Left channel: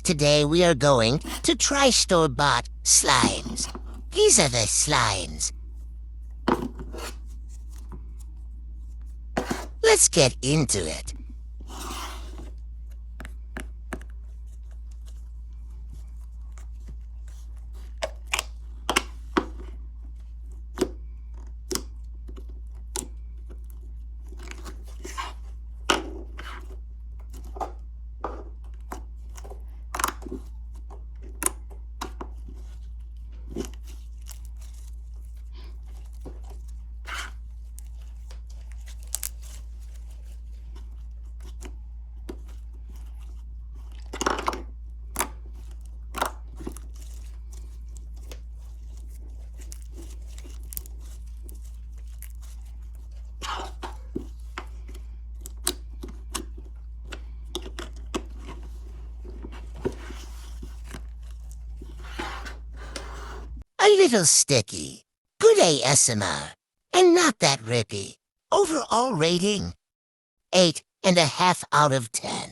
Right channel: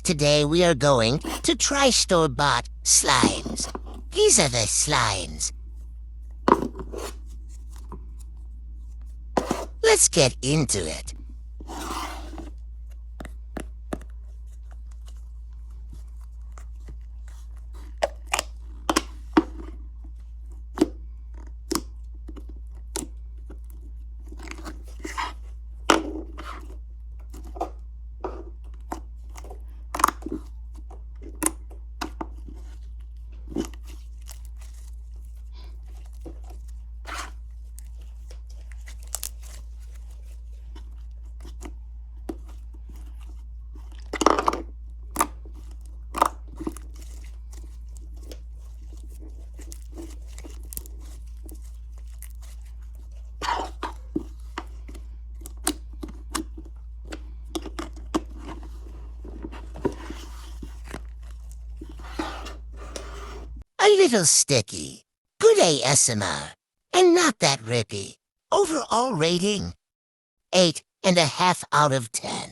because today we are going to try store-bought slimes. These are the slimes. Let's get into it. A little sticky. Good ASMR. And not that rippy. Overall rating, 8.5 out of 10.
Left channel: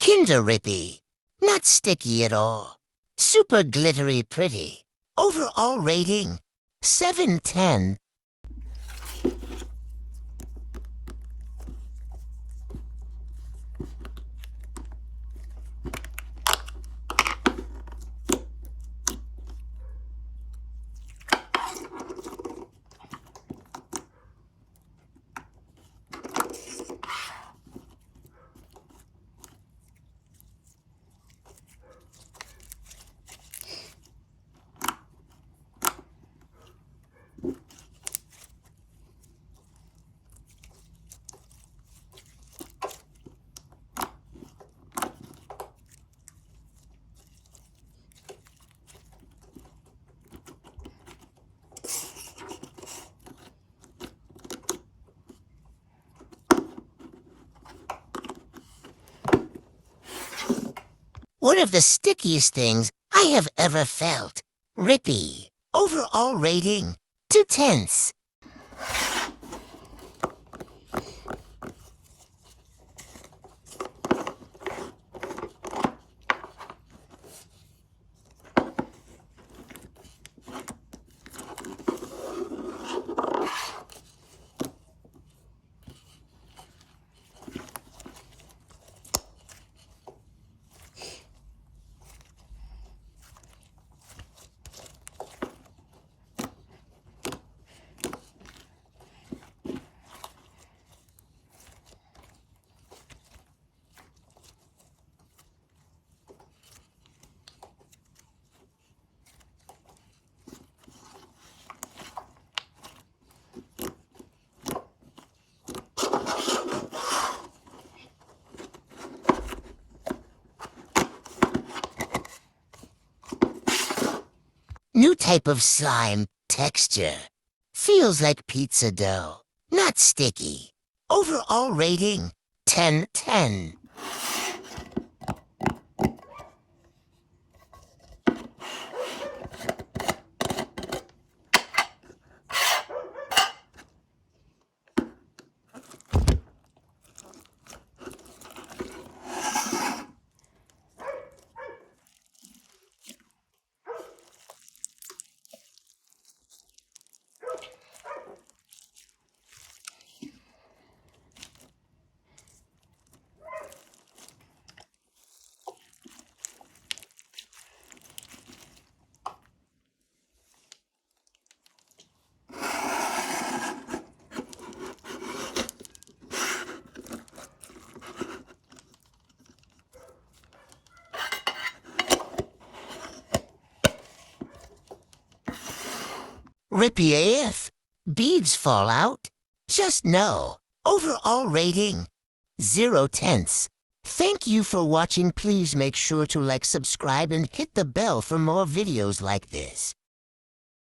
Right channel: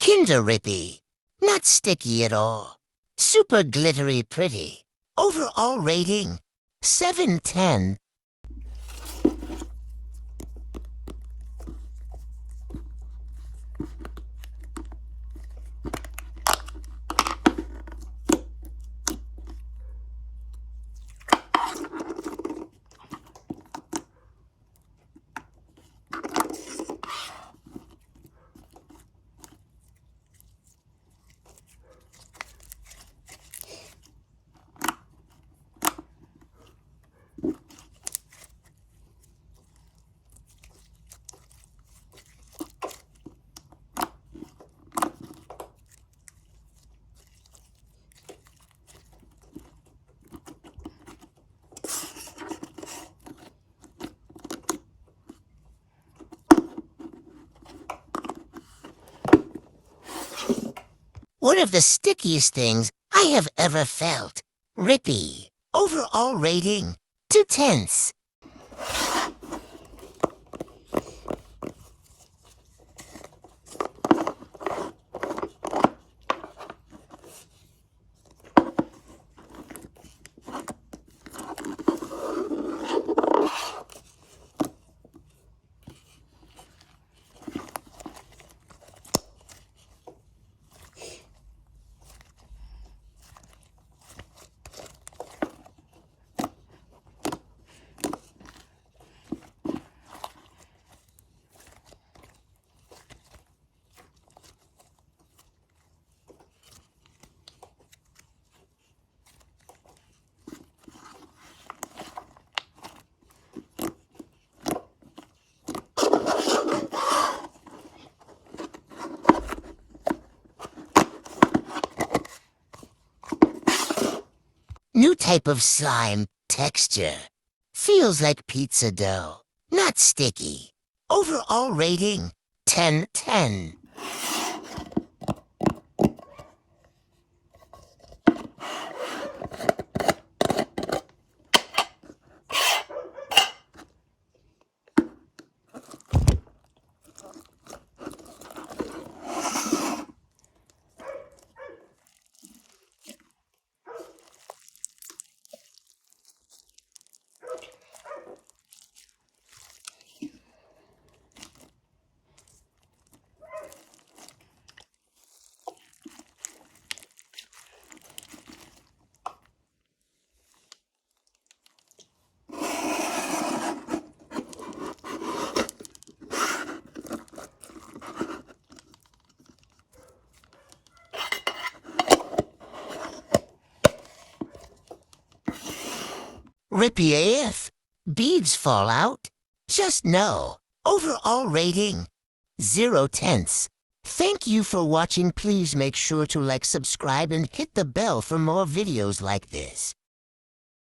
Kinder Rippy. Not sticky at all. Super glittery pretty. Overall rating, 7/10. One of the stickiest things I have ever felt. Rippy. Overall rating, 2/10. New type of slime texture. Feels like pizza dough. Not sticky. Overall rating, 10/10. Rippy AF. Beads fall out. Just no. Overall rating, 0 tenths. Thank you for watching. Please make sure to like, subscribe, and hit the bell for more videos like this.